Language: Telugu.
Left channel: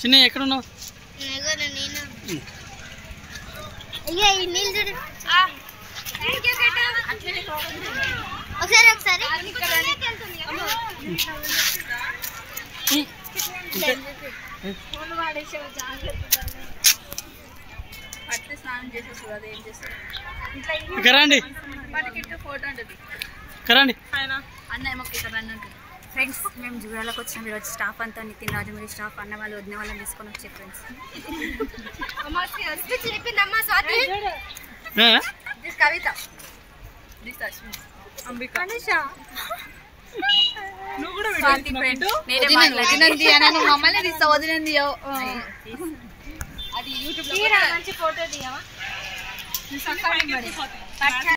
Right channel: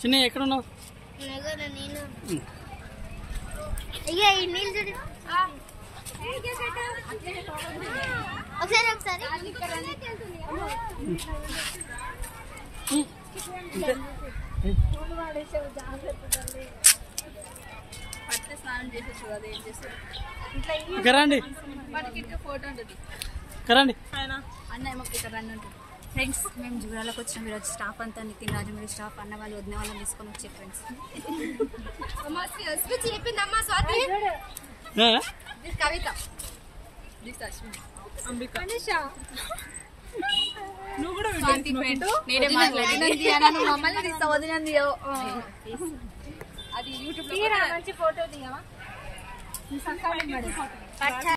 చిన్న ఎక్కడున్నావు? అయ్యా ఈ నీళ్ళు చూడు. ఒకసారి ఒకసారి స్నానం చేసేసి కదా ఏం చేస్తారు ఫోటో ఉంటుంది కరండి అన్న ఏమో ఇక్కడ రండి ఉంటుంది. ఫ్రెండ్స్ మేము జూరాలకు వచ్చినాం ఈరోజు. స్టాఫ్ అంతా నితిన్ రాజమౌళి స్టాఫ్ అన్న వాళ్ళు వదిన వాళ్ళని తీసుకొని వచ్చే ఫ్రెండ్స్. కవిత అంబిక మమ్మల్ని తీస్తా వదిలింది అది యూట్యూబ్ మంచి ఫోటో తీయమా.